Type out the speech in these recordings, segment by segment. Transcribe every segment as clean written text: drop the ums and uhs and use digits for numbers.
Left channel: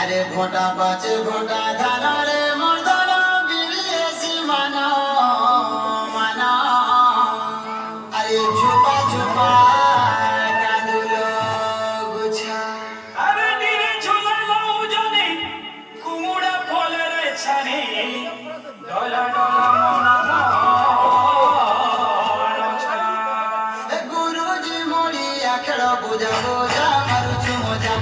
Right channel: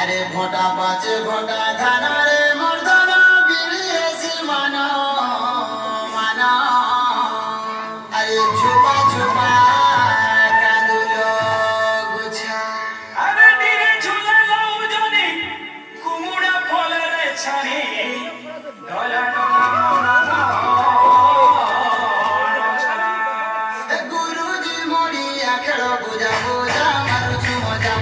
আরে ভোটা বাজে ভোটা ধানরে মর্দনা বিরিয়েছি মানো মানা আরে ঝুপা ঝুপা কাঁদুলো গুছা আরে নিরে ঝুলালো জনে কুমড়া ফলের ছানি ডলা ডলা মনা গুরুজি মরিয়া খেল বুঝা বোঝা মারুছু মজা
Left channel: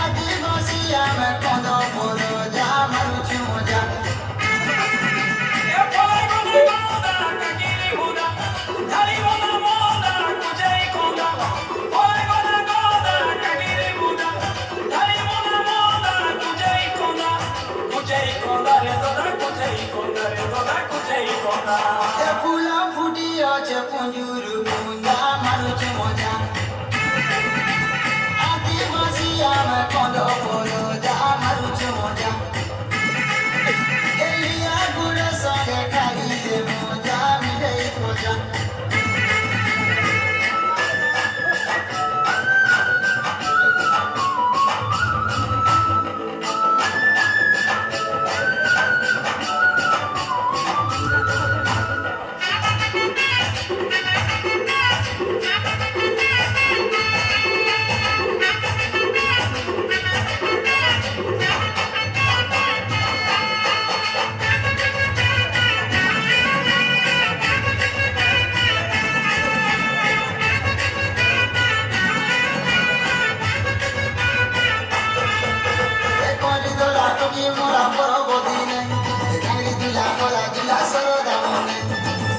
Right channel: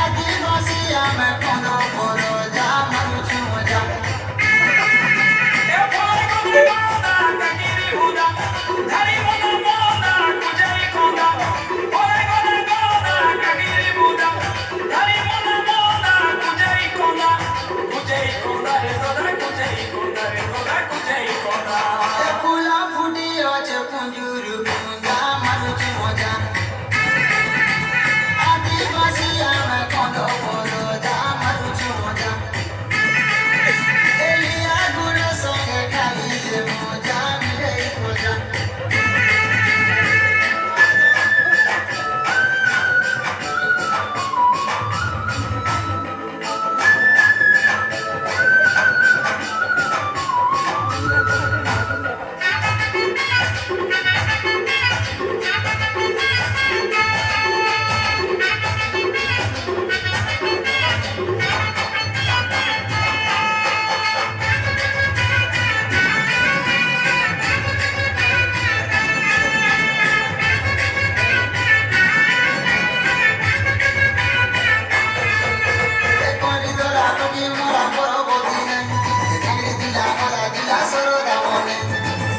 আদিবাসী আমি কন্দ বড় যা মারুছু মজা এ ফল গুলো মোদা কাকিরি হুদা ধারি মোদা মোদা কুজাই কোদা ফল গুলো মোদা কাকিরি হুদা ধারি মোদা মোদা কুজাই কোদা রে দোদা কুজাই কোদা রে দোদা কুজাই কোদা ফুলা ফুটি আছে পুঞ্জুর পুঞ্জা মারুছু মজা আদিবাসী আমি কন্দ বড় যা মারুছু মজা এলিয়া গুড় সঙ্গে খাইলে মজা মিলে খোঁজা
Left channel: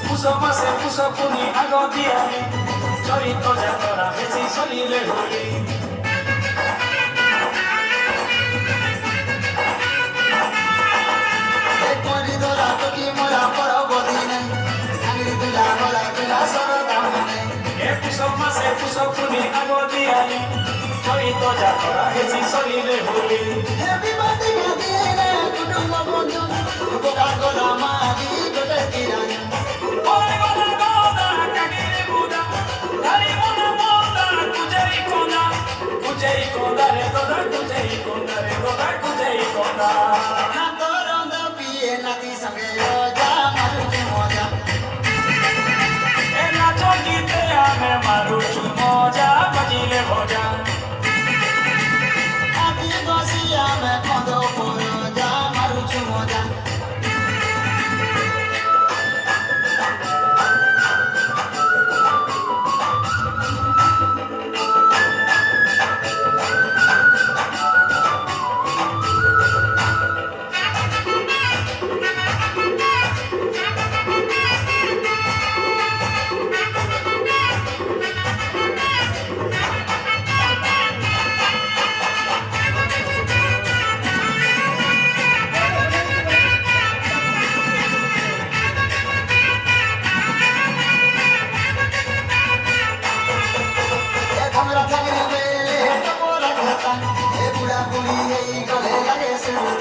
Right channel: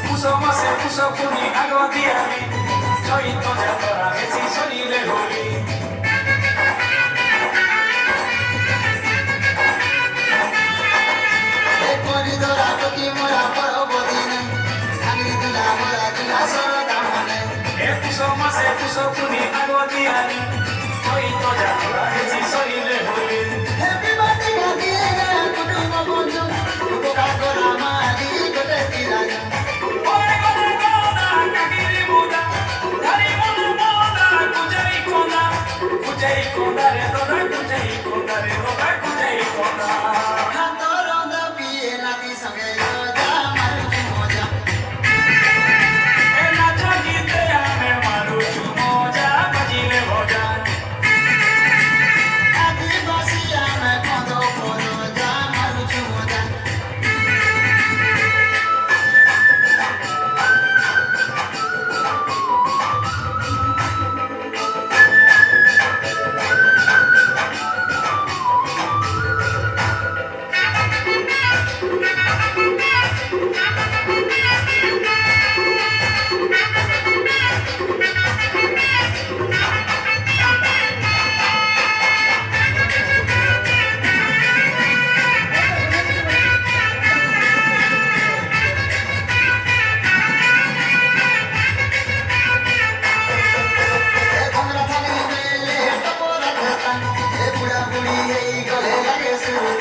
পুষো মাসে পুষো পুনি আগ দিয়ালি চৈত যাতরা বেশি শরীরে হলি এ পুষো মাসে পুষো পুনি আগ দিয়ালি চৈত যাতরা বেশি শরীরে হলি ওরে গোদা গোদা কাকিরি বুদা ধারি মোদা মোদা কুজাই কোদা রে দোদা কুজাই কোদা রে দোদা কুজাই কোদা এ নাচ গীতে আমি মারুছু মজা বাজিলে ভজা আদিবাসী আমি কন্দ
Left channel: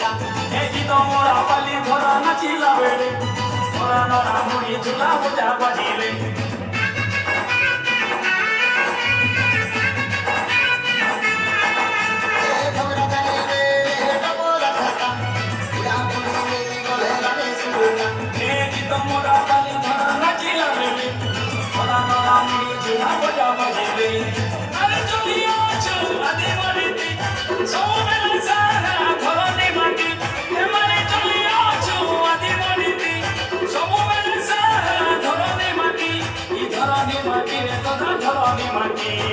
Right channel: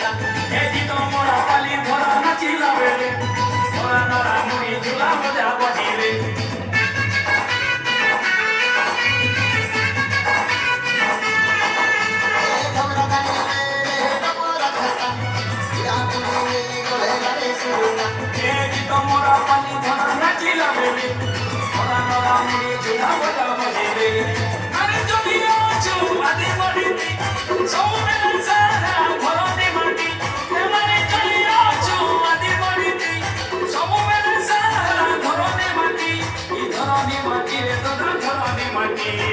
ସୁଲୁକା ଏଠି ତମରା ପାଲି ଧରା ନାଚିଲା ବେଳେ ଧରା ନରା ମୁড়ି ଝୁଲା ମଜା ବାଜିଲେ ଘବରା ଗାଇଲେ ଡବରା ଖଟା ଇରା ପୁଣିଲେ ଗଲେଲାରେ ସୁଲୁକା ଏଠି ତମରା ପାଲି ଧରା ନାଚିଲା ବେଳେ ଧରା ନରା ମୁড়ି ଝୁଲା ମଜା ବାଜିଲେ ଆରେ ଚଲିଅ ଅଛୁ ଆଜି ବଢିତି ସବୁବେଳେ ସାରା ଧରନ୍ତି ମାଟି ଏମାନେ ଚଲିଅ ଅଛୁ ଆଜି ବଢିତି ସବୁବେଳେ ସାରା ଧରନ୍ତି ମାଟି ଇ ଧରନ୍ତି ମାଟିରେ ତୋର ଧରନ୍ତି ମାଟି